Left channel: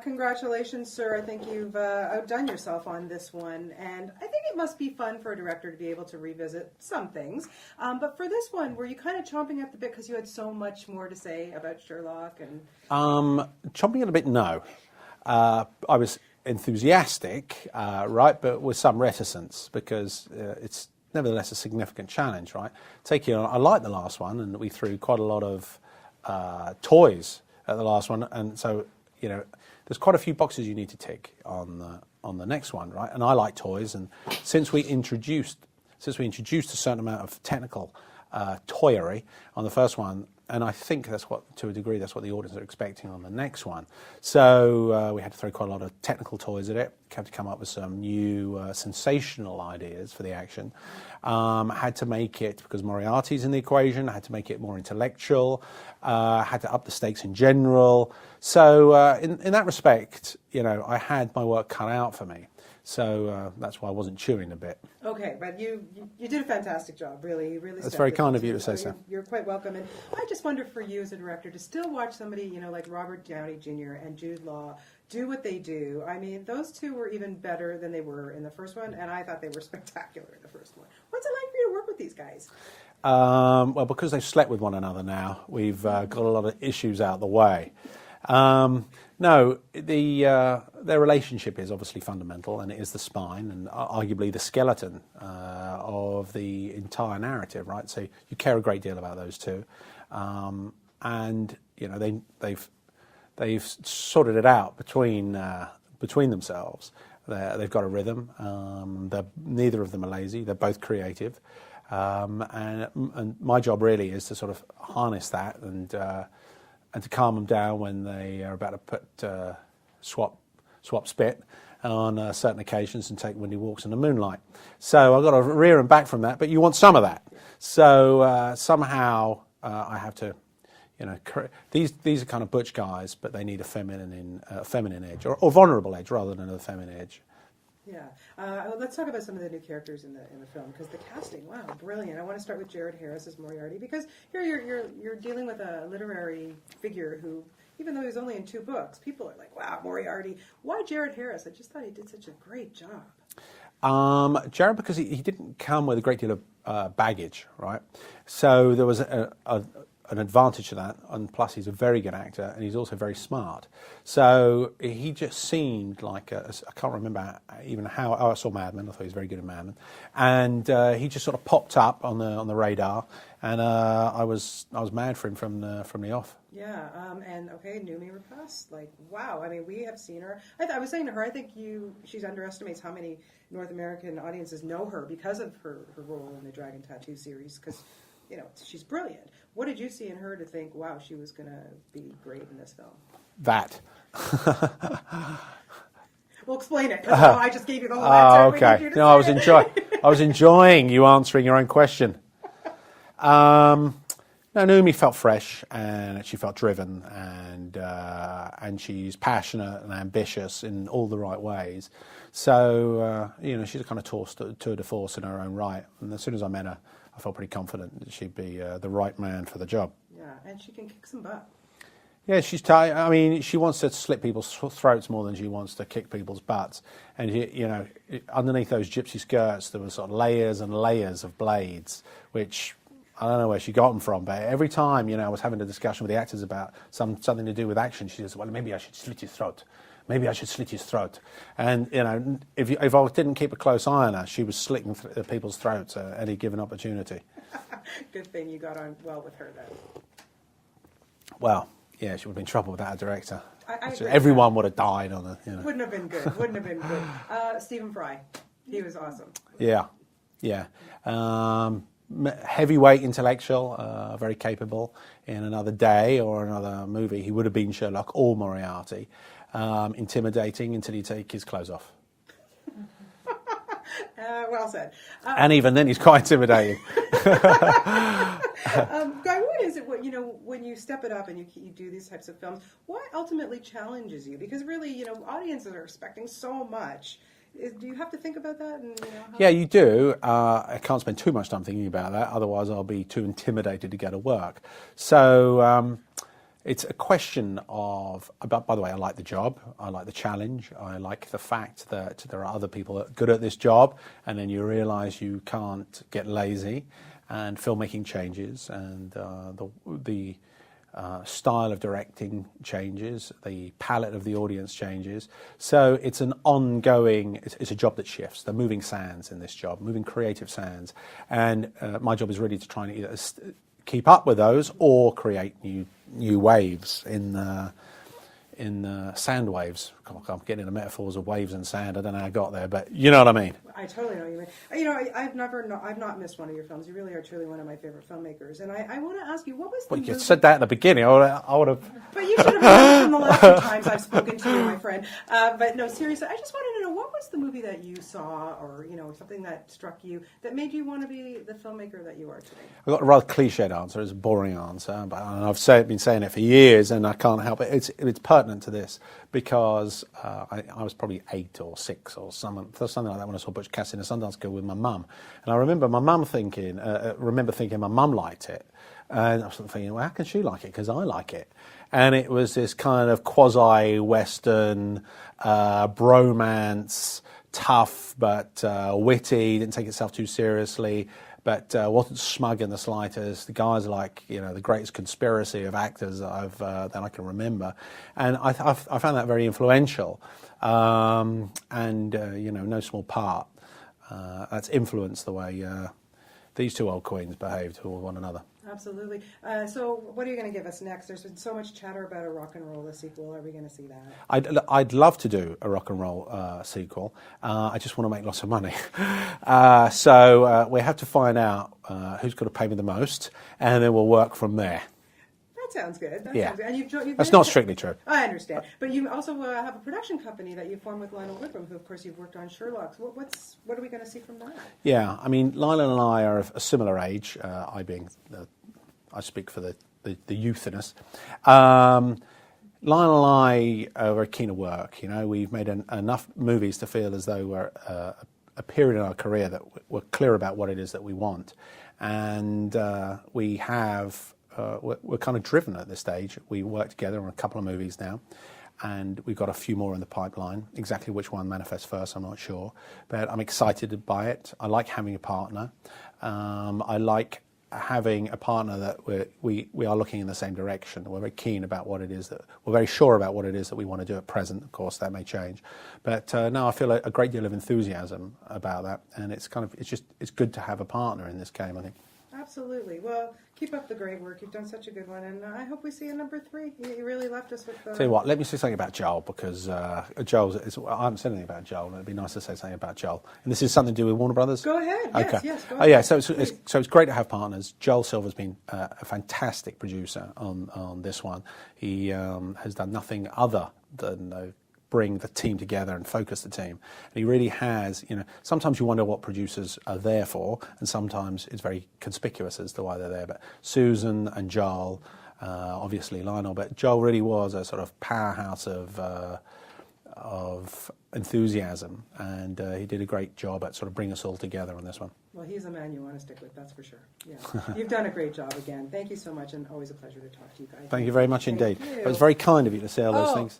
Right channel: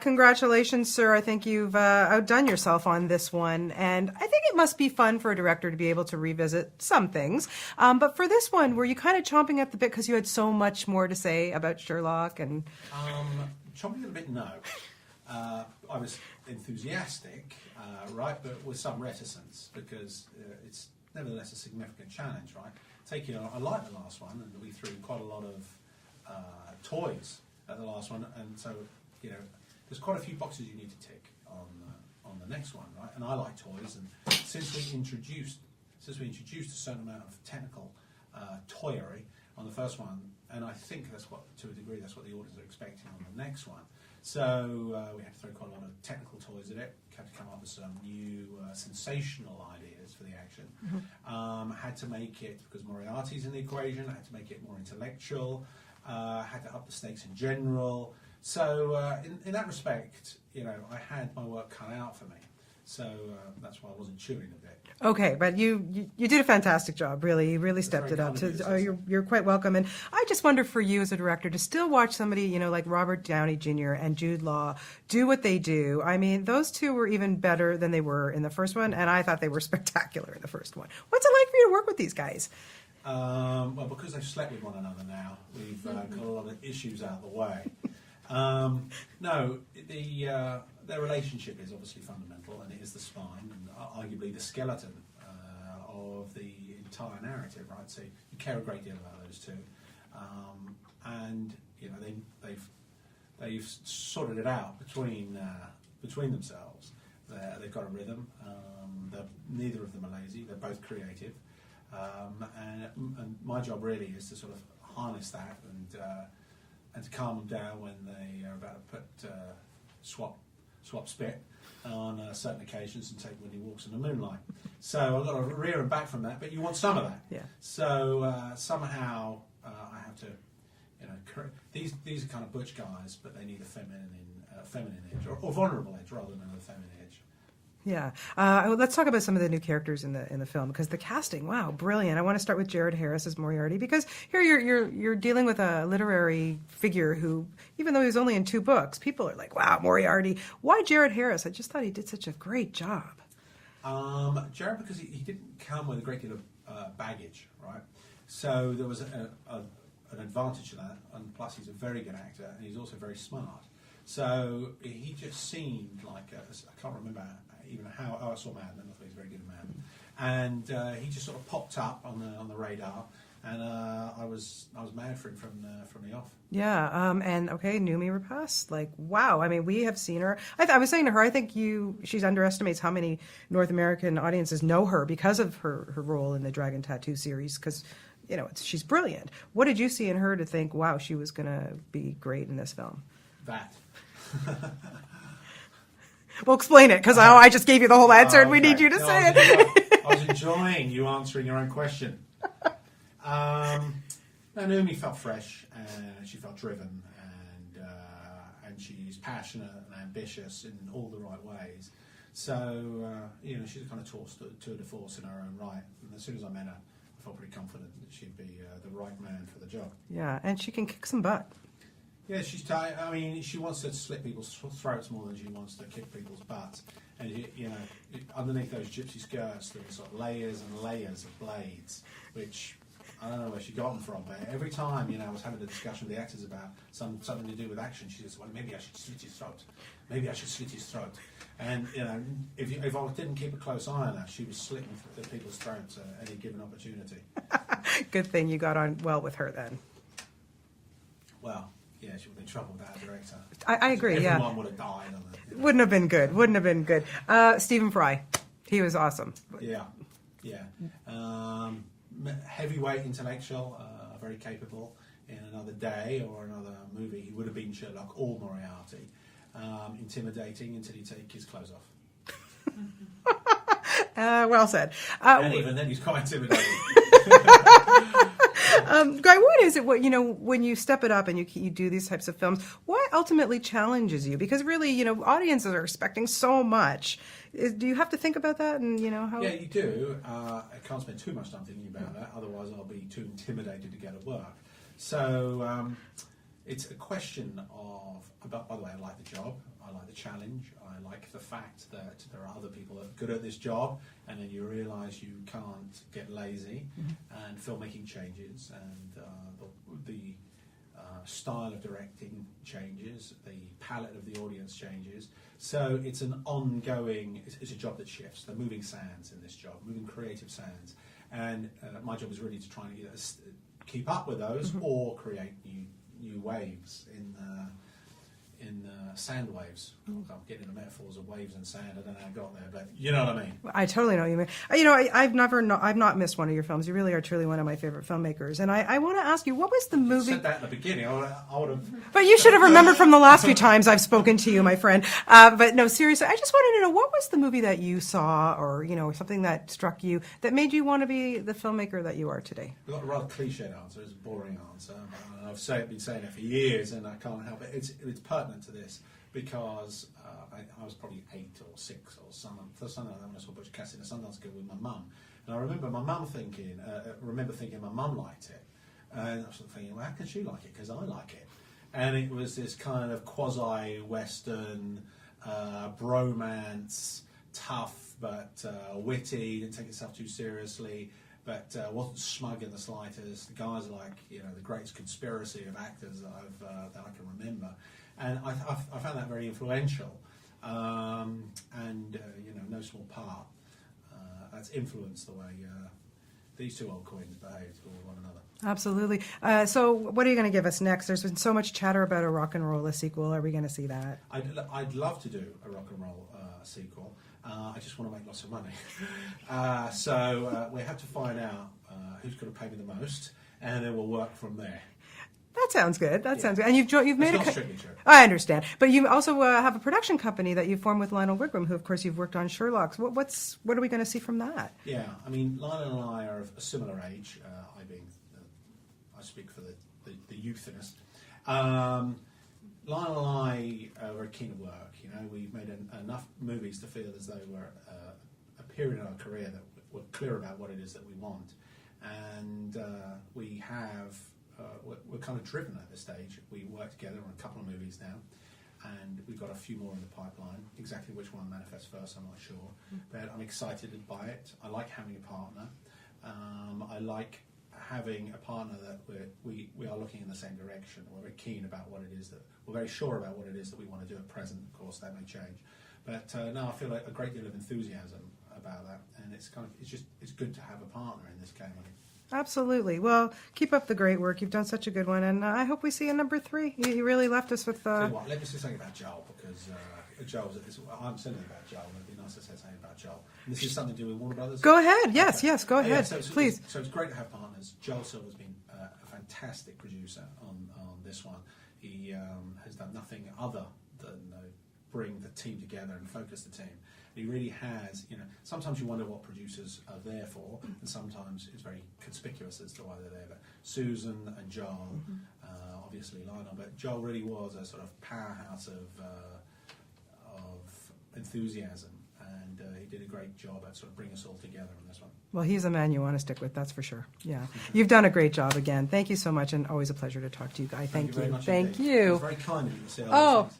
Congratulations, sir. I think you've outdone yourself on this one. And I think it must be fun for a director to be able to revisit some things. But for this one, were you kind of chomping at the bit because you had so much more to say about Sherlock? And Chomping at a bit, no. I was enthusiastic, right, but with some reticence because it's nevertheless a significant challenge, right? I like the last one, and we threw quite a lot of toys at the last one, and so there's quite a few boxes you need to tick on the next one, right? And I like toys, and since we introduced a certain amount of technical toyery on the first one, and I think to a degree that's what the audience are expecting on the next one. So we had to throw quite a lot of technical toys at it. Had to come up with some new sensational ideas for the action. Had to make it, because Moriarty's in the equation, had to make it more intellectual. Had to up the stakes in general. So in that respect, I had my work cut out for me. So that's why I wasn't chewing a bit. Okay, but you did a fantastic job, really. You really stepped it up. That's very kind of you to say so. You're quite welcome. And I just wonder for you as a director to still watch somebody, like Robert Downey Jr. and Jude Law do what they do. I mean, those two were even better than they were in the first one, and I thought they were spectacular in the first one. What's it like for you to work with these guys? Well, because they've slept with one another now, we've got a lot of issues out the way. No, their relationship is obviously fundamental, and it is the spine and arguably the skeleton of the entire narrative, right? So you care a great deal about those two, and they've sorted it out between themselves. They've got a rhythm. Neither of them are lazy. They're both creative, and my job really is to sort of harness that and to calm them down when they are about to put swap spit on certain occasions and take windy walks in the moonlight. So I've got to rear them back from that, but you want some of that. Yeah. So somehow I have to, these are kind of butch guys, but they need a feminine edge or vulnerable edge rather than a feminine edge. Yeah. Let's talk about some of the new characters in the film, because the casting, wow, brilliant. I want to start with Jared Harris as Moriarty, because here you're dealing with a literary figure who, even though he was only in 2 books, people are like, wow, Moriarty. Why Jared Harris? I just thought he did such a great job. Jared, because he didn't come with a great deal of baggage, right? So there was an advantage to that, and plus he's a very good actor, and he's also very smart. So he just seemed like I can't remember even how. Oh, I saw Mad Men. I thought he was very good at Mad Men, and he just sort of popped up on the radar, and I was mad for him from the off. Yeah, and okay, Noomi Rapace, like, wow. I mean, we have seen her. I was saying to her, I think she underestimates how many North American audiences know her because of her role in the Dragon Tattoo series, because she's brilliant. What did you see in her to think, wow, she was going to be great in this film? That. Well, explain it, because I just gave you the whole answer, and we need you to say it. I was enjoying you answering your own question. No, Noomi felt fresh, and she felt driven, and she's passionate and ambitious in all the right ways. So, she's a kind of tour de force in her own right. And as soon as I met her, I felt pretty confident that she'd be the right man for the job. Yeah, and she can kick some butt. Yeah, she's tight. I mean, she wants to slit people's throats more than she wants to kick people's butts. And underneath those gypsy skirts, there were sort of layers and layers of blades, which I don't know where she got them from. But every time, I was having a discussion with the actors about something to do with action, she says, "Well, maybe I should slit his throat. Maybe I should slit his throat." And if I didn't keep a close eye on her, she was slitting people's throats at any given opportunity. Good thing you got on well with her then. Well. Yeah, she would have been in trouble without a director. I agree. Everyone would have died on it. Wouldn't have been good. Wouldn't have been good. Stephen Fry, he was awesome. Yeah. Heavyweight intellectual, very capable. In another day or another movie, he would have been Sherlock or Moriarty. Intimidating until you take his clothes off. Well said. And even then, he's quite intimidating. Guy, what is it? When you step it up and you do these types of films, what ultimately challenges you? Because really, audiences are expecting so much. Do you have to think about that? And how... Yeah, you do. I can't spend too much time thinking about that. Otherwise, I'll be too intimidated to go to work. So, it's a question of, by the way, I like the job, I like the challenge, I like the fact that there are other people that are good at this job, and then you realise you can't get lazy, and filmmaking changes, and the style of directing changes, the palette of the audience changes. So it's an ongoing, it's a job that shifts. They're moving sands in this job, moving creative sands. And my job is really to try and either keep up with those or create new waves in sand waves. I'm getting into metaphors of waves and sand. I don't know how I got there, but you know what I mean. I totally know what you mean. You know, I've not missed one of your films. You really are truly one of my favorite filmmakers. And I want to ask you, what was the movie? You said that at the beginning. I would have. But you should have remembered from the last few times I've spoken to you, my friend. But no, seriously, I just wanted to know, what was the movie that you saw, or something that struck you that made you want to be the filmmaker that you are today? I've got a rather cliched answer. It's a boring answer, but I've been saying it for years, and I can't help it. It's pertinent to this because I was probably 8 or 6 or something like that when I saw Butch Cassidy and the Sundance Kid with my mum, and I remember my mum thinking my mum liked it, and I was thinking, well, how can she like it? Because I like it. And it was this kind of quasi-Western bromance, tough but witty, didn't take itself too seriously, but wasn't smug in the slightest. The guy's like, the greatest conspiracy of actors that I can remember. And I found that very influential. No small part. That's influenced the way these two old queens behaved toward one another. Absolutely. So what are you going to give us next? There's been so much chatter about a rock and roll sequel. Are we going to see that? I'd love to do a rock and roll sequel. I just want to make lots of money. So we have to find out who's going to pay me the most, and then we'll work from there. That sounds good. That sounds good. And you've That's made not strictly true. I understand. But you also have a production company that you've formed with Lionel Wigram, who, of course, you've worked on Sherlock's. What are we going to see from that? Yeah, I mean, Lionel and I are of a similar age, I speak for the youth in us. Lionel and I are very keen to work. We've made enough movies to feel as though we're a period in our career that we're clear about what it is that we want. And we have... we're kind of driven at this stage. We work together on a couple of movies now, and we've got a few more in the pipeline. Exactly which one manifests first, I'm not sure, but I'm excited by it. I like having a partner. I like having a partner that we are looking in the same direction. We're very keen about what it is we're very sure about what it is that we want to do at present. Of course, that may change, but no, I feel a great deal of enthusiasm about that, and it's good to have a partner in this game, I think. Absolutely. Well, keep up the great work. You've done such a good one, and I hope we see a number 3. You really left us with... Tell you what, let me say something about Joel, because Joel, I haven't said anything about Joel, and it'd be nice to say something about Joel. And this is something to do with Warner Brothers? Go ahead. Yes, okay. Yes, go ahead. Oh, yeah, so it's great to have partners. Joel Silver's been a fantastic producer on this one. He has done nothing other than... bring the team together and focus the team. And he really has, sometimes you wonder what producers are there for, and sometimes it's very conspicuous as to why they're there. But Susan and Joel, obviously Lionel, but Joel really was a sort of powerhouse of enthusiasm, and he did a great job at sort of bringing us all together on this one. Well, he's a man you want to stick with, that's for sure. Yeah, you've done a great job again. Thank you so much, and always a pleasure to talk to you guys. Thank you very much indeed. Thank you. It was very kind of you to say all those things.